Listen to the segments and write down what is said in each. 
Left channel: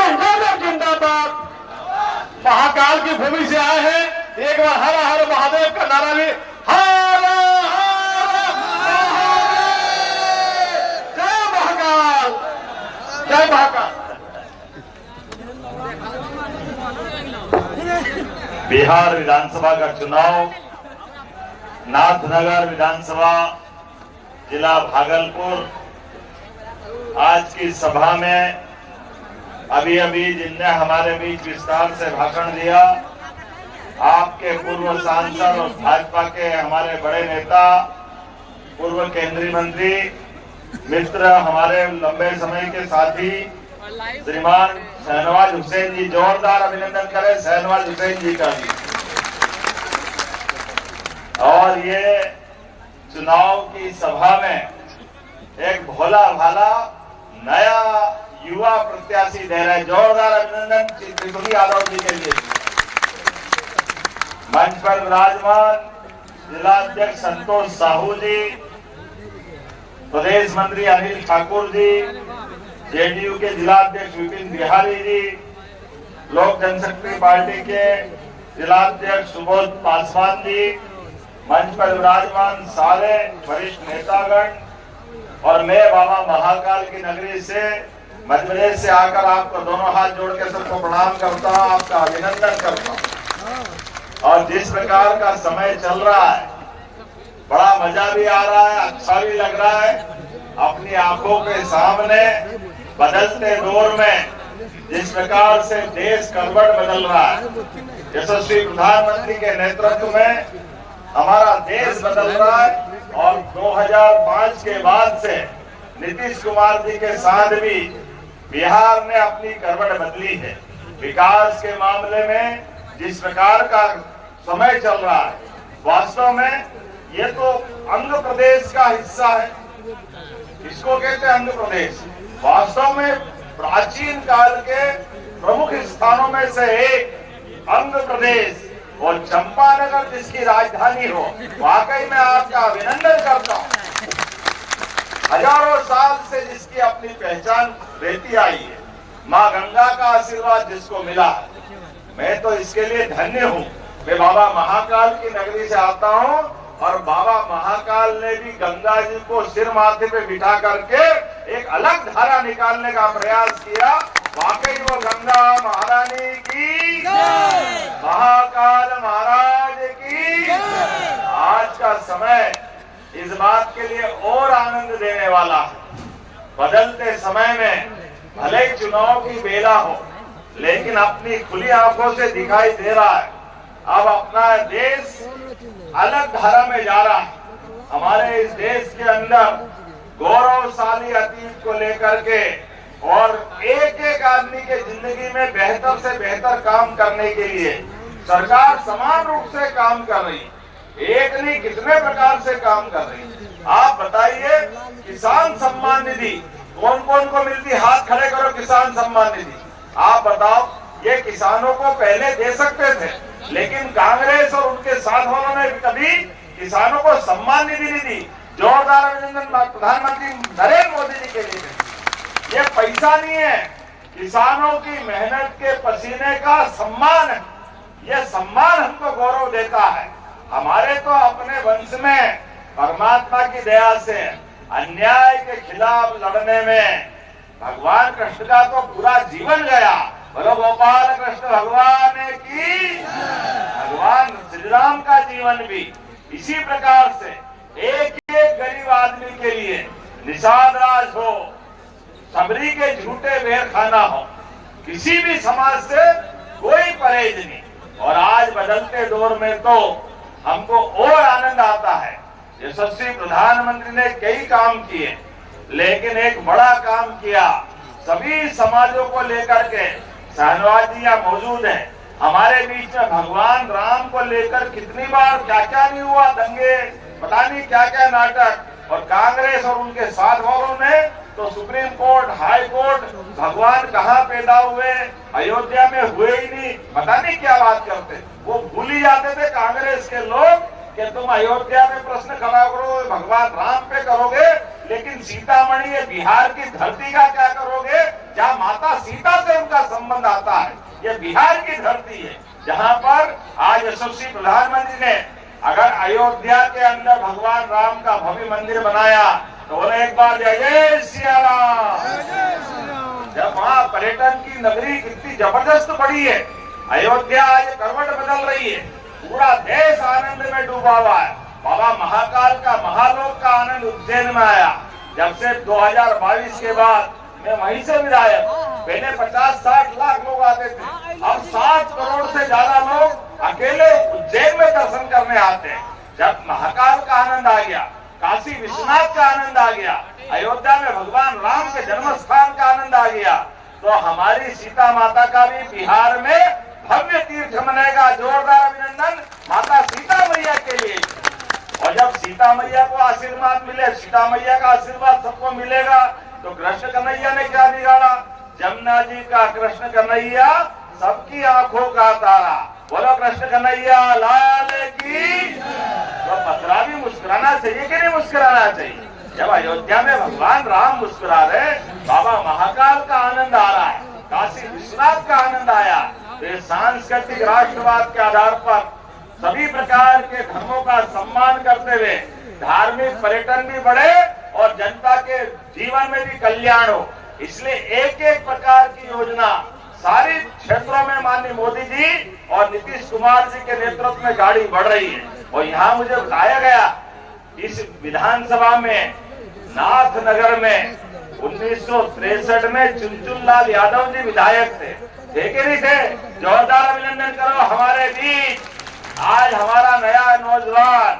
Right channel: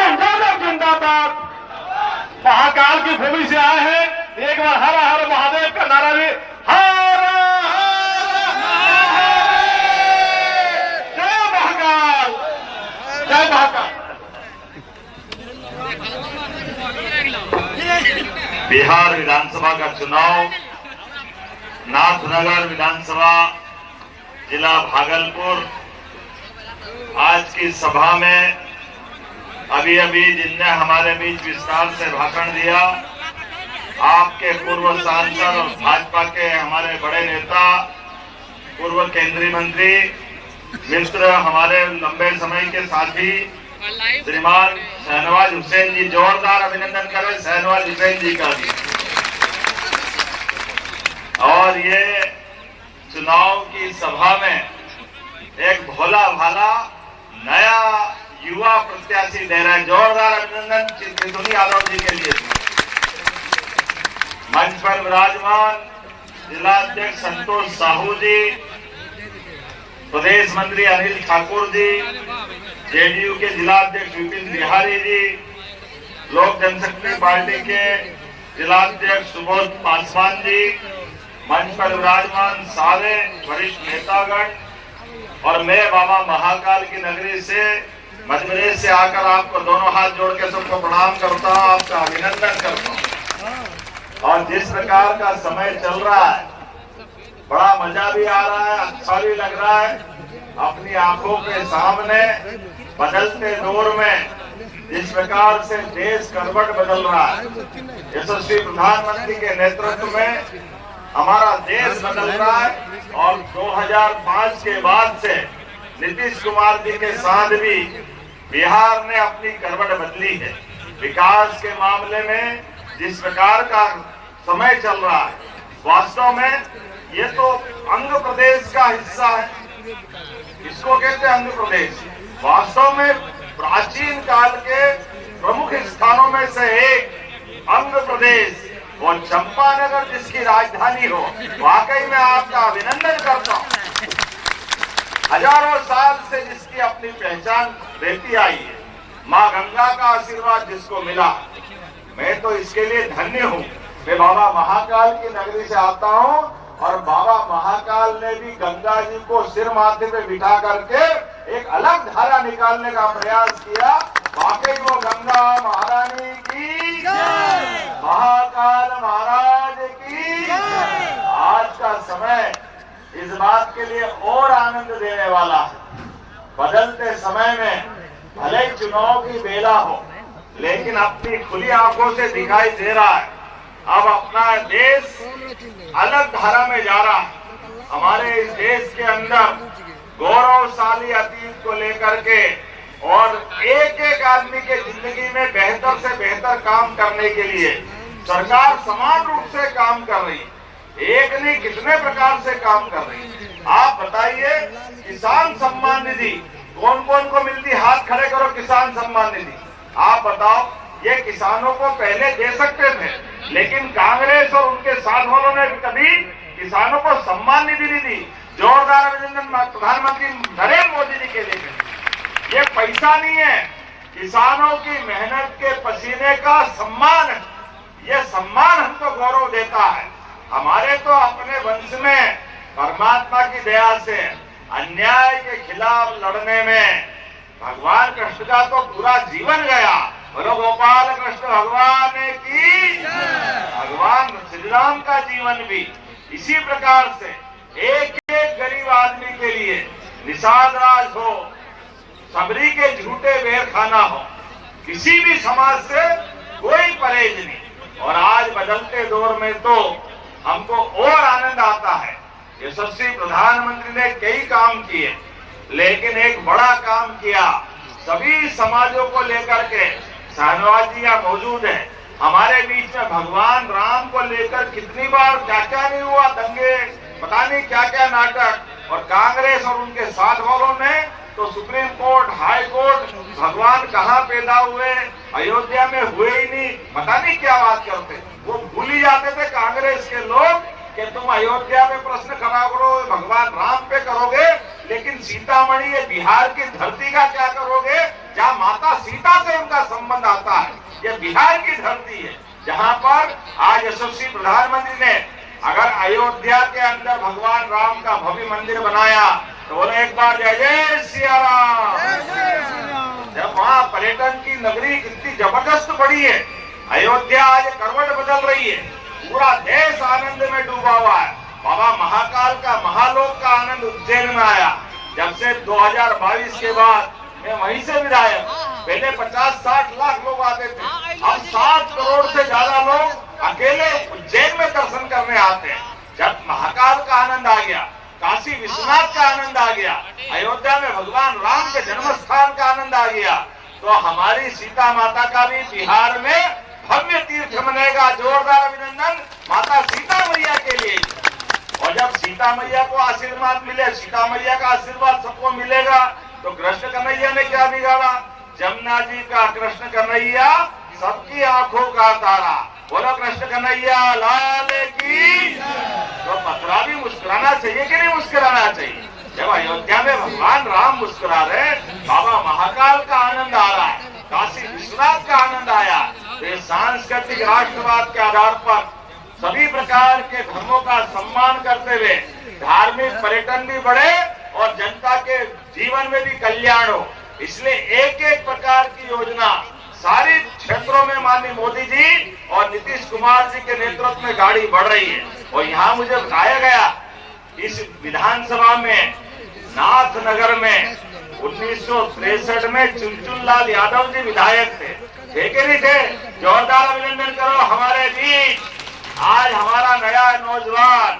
जिंदाबाद, जिंदाबाद। महाकाल की भूमि से आए हैं, एक बार हर हर महादेव का नारा भी, हर हर महादेव, जय महाकाल, जय महाकाल। बिहार विधानसभा का चुनाव नाथनगर विधानसभा जिला भागलपुर, आज की सभा में अभी जिनने हमारे बीच विस्तार से भाषण दिया, आपके पूर्व सांसद और भाजपा के हमारे बड़े नेता, पूर्व केंद्रीय मंत्री मित्र, हमारे लंबे समय के साथी श्रीमान शहनवाज हुसैन जी, जोरदार अभिनंदन करें शहनवाज हुसैन जी का भी। और ये चुनाव की सभा में एक भोला भाला नया युवा प्रत्याशी दे रहा है, जोरदार अभिनंदन चित्रकुट यादव जी के लिए। मंच पर विराजमान जिलाध्यक्ष संतोष साहू जी, प्रदेश मंत्री अनिल ठाकुर जी, जेडीयू के जिलाध्यक्ष विपिन बिहारी जी, लोक जनशक्ति पार्टी के जिलाध्यक्ष सुबोध पासवान जी, मंच पर विराजमान सारे वरिष्ठ नेतागण, और मैं बाबा महाकाल की नगरी से मध्य प्रदेश से आकर आपको दोनों हाथ जोड़ के सबको प्रणाम करता हूँ, आपका अभिनंदन करता हूँ। और जिस प्रकार का समय चल रहा है, बड़ा मजा भी आ रहा है, अच्छा भी लग रहा है। अपनी आंखों के सामने बदलते दौर में जिस प्रकार से देश करवट बदल रहा है, यशस्वी प्रधानमंत्री के नेतृत्व में हमारा देश बदल रहा है। और 2005 के बाद से नीतीश कुमार जी के साथ भी बिहार ने अपनी करवट बदली है। विकास के मामले में जिस प्रकार का समय चल रहा है, वास्तव में ये तो आंध्र प्रदेश का हिस्सा है, इसको कहते हैं आंध्र प्रदेश। वास्तव में प्राचीन काल के प्रमुख स्थानों में से एक आंध्र प्रदेश, और चंपानगर जिसकी राजधानी हो, वाकई में आपका अभिनंदन करता हूँ। हजारों साल से जिसकी अपनी पहचान रहती आई है, माँ गंगा का आशीर्वाद जिसको मिला, मैं तो इसके लिए धन्य हूँ कि बाबा महाकाल की नगरी से आता हूँ। और बाबा महाकाल ने भी गंगा जी को सिर माथे पे बिठा करके एक अलग धारा निकालने का प्रयास किया। वाकई वो गंगा महारानी की, महाकाल महाराज की। आज का समय इस बात के लिए और आनंद देने वाला है। बदलते समय में भले ही चुनाव की बेला हो, लेकिन अपनी खुली आंखों से दिखाई दे रहा है अब अपना देश अलग धारा में जा रहा है। हमारे इस देश के अंदर गौरवशाली अतीत को लेकर के और एक एक आदमी के जिंदगी में बेहतर से बेहतर काम करने के लिए सरकार समान रूप से काम कर रही है। एक नहीं कितने प्रकार से काम कर रही है। आप बताइए, किसान सम्मान निधि कौन कौन को मिलती? हाथ खड़े करो। किसान सम्मान निधि आप बताओ, ये किसानों को पहले दे सकते थे, लेकिन कांग्रेस और उनके साथ वालों ने कभी किसानों को सम्मान निधि नहीं दी। जोरदार अभिनंदन प्रधानमंत्री नरेंद्र मोदी जी के लिए। ये पैसा नहीं है, किसानों की मेहनत के पसीने का सम्मान। ये सम्मान हमको गौरव देता है। हमारे तो अपने वंश में परमात्मा की दया से अन्याय के खिलाफ लड़ने में भगवान कृष्ण का तो पूरा जीवन गया। बोलो गोपाल कृष्ण भगवान की। भगवान श्री राम का जीवन भी इसी प्रकार से एक एक गरीब आदमी के लिए निषाद राज हो, सबरी के झूठे वेर खाना हो, किसी भी समाज से कोई परहेज नहीं। और आज बदलते दौर में तो हमको और आनंद आता है। यशस्वी प्रधानमंत्री ने कई काम किए, लेकिन एक बड़ा काम किया सभी समाजों को लेकर के। शहनवाज जी यहाँ मौजूद है, हमारे बीच में भगवान राम को लेकर कितनी बार क्या क्या नहीं हुआ, दंगे, पता नहीं क्या क्या नाटक। और कांग्रेस और उनके साथ वालों ने तो सुप्रीम कोर्ट, हाई कोर्ट, भगवान कहाँ पैदा हुए, अयोध्या में हुए ही नहीं, पता नहीं क्या बात करते। वो भूल ही जाते थे कांग्रेस के लोग कि तुम अयोध्या में प्रश्न खड़ा करो, भगवान राम पे करोगे, लेकिन सीतामढ़ी ये बिहार की धरती का क्या करोगे, जहाँ माता सीता से उनका संबंध आता है। ये बिहार की धरती है, जहाँ पर आज यशस्वी प्रधानमंत्री ने अगर अयोध्या के अंदर भगवान राम का भव्य मंदिर बनाया तो बोले एक बार जय जय सिया राम। जब वहाँ पर्यटन की नगरी कितनी जबरदस्त बढ़ी है, अयोध्या आज करवट बदल रही है, पूरा देश आनंद में डूबा हुआ है। बाबा महाकाल का महालोक का आनंद उज्जैन में आया। जब से 2022 के बाद मैं वहीं से विधायक, पहले 50-60 लाख लोग आते थे, अब 7 करोड़ से ज्यादा लोग अकेले उज्जैन में दर्शन करने आते हैं। जब महाकाल का आनंद आ गया, काशी विश्वनाथ का आनंद आ गया, अयोध्या में भगवान राम के जन्म स्थान का आनंद आ गया, तो हमारी सीता माता का भी बिहार में भव्य तीर्थ बनेगा। जोरदार अभिनंदन माता सीता मैया के लिए। और जब सीता मैया को आशीर्वाद मिले, सीता मैया का आशीर्वाद सबको मिलेगा, तो कृष्ण कन्हैया ने क्या बिगाड़ा? जमुना जी का कृष्ण कन्हैया सबकी आंखों का तारा। बोलो कृष्ण कन्हैया लाल की। तो मथुरा भी मुस्कुराना चाहिए कि नहीं मुस्कुराना चाहिए? जब अयोध्या में भगवान राम मुस्कुरा रहे, बाबा महाकाल का आनंद आ रहा है, काशी विश्वनाथ का आनंद आया, तो सांस्कृतिक राष्ट्रवाद के आधार पर सभी प्रकार के धर्मों का सम्मान करते हुए धार्मिक पर्यटन भी बढ़े और जनता के जीवन में भी कल्याण हो। इसलिए एक एक प्रकार की योजना सारे क्षेत्रों में माननीय मोदी जी और नीतीश कुमार जी के नेतृत्व में गाड़ी बढ़ रही है। और यहाँ मुझे बताया गया, इस विधानसभा में नाथनगर में 1963 में चुनचुनलाल यादव जी विधायक थे कि नहीं थे? जोरदार अभिनंदन करो हमारे बीच। आज हमारा नया नौजवान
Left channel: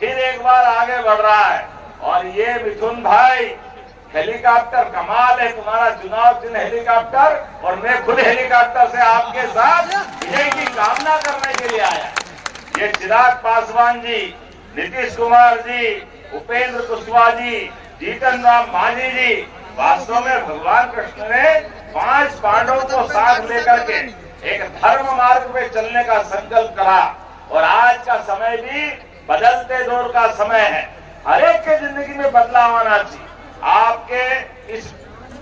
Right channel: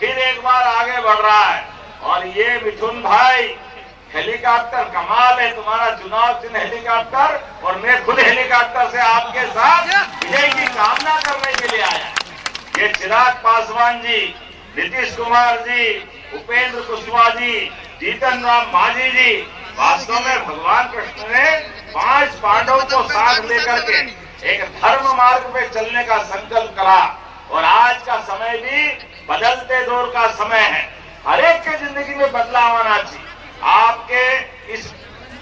फिर एक बार आगे बढ़ रहा है। और ये मिथुन भाई, हेलीकॉप्टर कमाल है, तुम्हारा चुनाव चिन्ह हेलीकॉप्टर, और मैं खुद हेलीकॉप्टर से आपके साथ विजय की कामना करने के लिए आया। ये चिराग पासवान जी, नीतीश कुमार जी, उपेंद्र कुशवाहा जी, जीतन राम मांझी जी, वास्तव में भगवान कृष्ण ने 5 पांडवों को साथ लेकर के एक धर्म मार्ग पे चलने का संकल्प करा। और आज का समय भी बदलते दौर का समय है, हर एक के जिंदगी में बदलाव आना चाहिए। आपके इस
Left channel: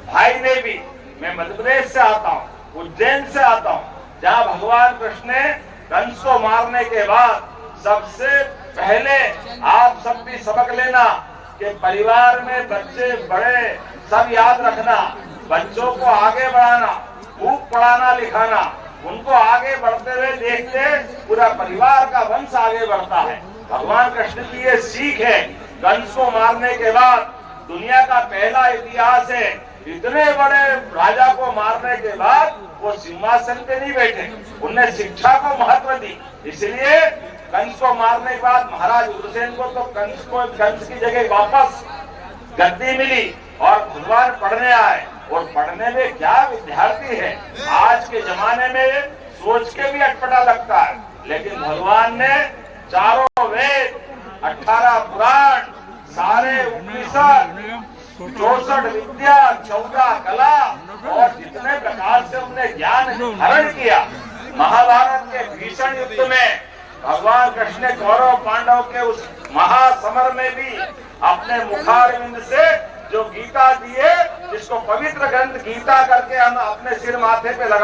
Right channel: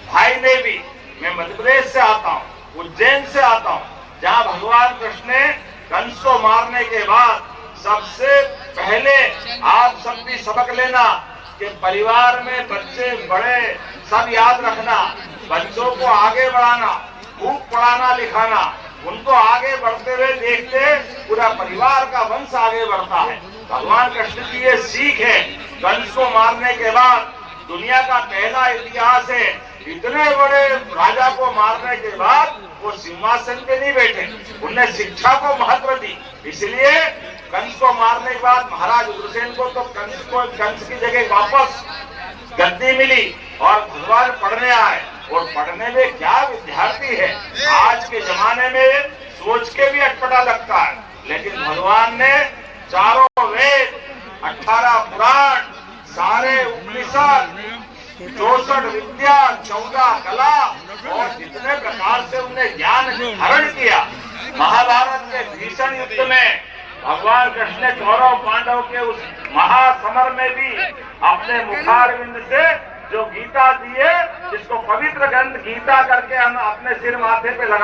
भाई में भी, मैं मध्य प्रदेश से आता हूँ, उज्जैन से आता हूँ, जहाँ भगवान कृष्ण ने कंस को मारने के बाद सबसे पहले आप सब भी सबक लेना कि परिवार में बच्चे बड़े सब याद रखना, बच्चों को आगे बढ़ाना, खूब पढ़ाना लिखाना, उनको आगे बढ़ते हुए देखते पूरा परिवार का वंश आगे बढ़ता है। भगवान कृष्ण की ये सीख है। कंस को मारने के बाद दुनिया का पहला इतिहास है, इतने बड़े राजा को मारने के बाद वो सिंहासन पे नहीं बैठे, उनने शिक्षा को महत्व दी। इसलिए कंस को मारने के बाद महाराज उग्रसेन को तो कंस की जगह वापस गद्दी मिली और भगवान पढ़ने आए। और पढ़ने में क्या विद्यार्थी है, आज के जमाने में सोच के भी अटपटा लगता है, लेकिन भगवान ने चारों वेद, 18 पुराण, सारे उपनिषद, 64 विद्या, 14 कला और जितने प्रकार से उन्हें ज्ञान धारण किया। महाभारत के भीषण युद्ध में भगवान कृष्ण ने कौरव पांडव के उस महासमर में भी अपने मुखारविंद से जो गीता दिए, जिसको पवित्र ग्रंथ गीता करके हम अपने सिर माथे पे लगा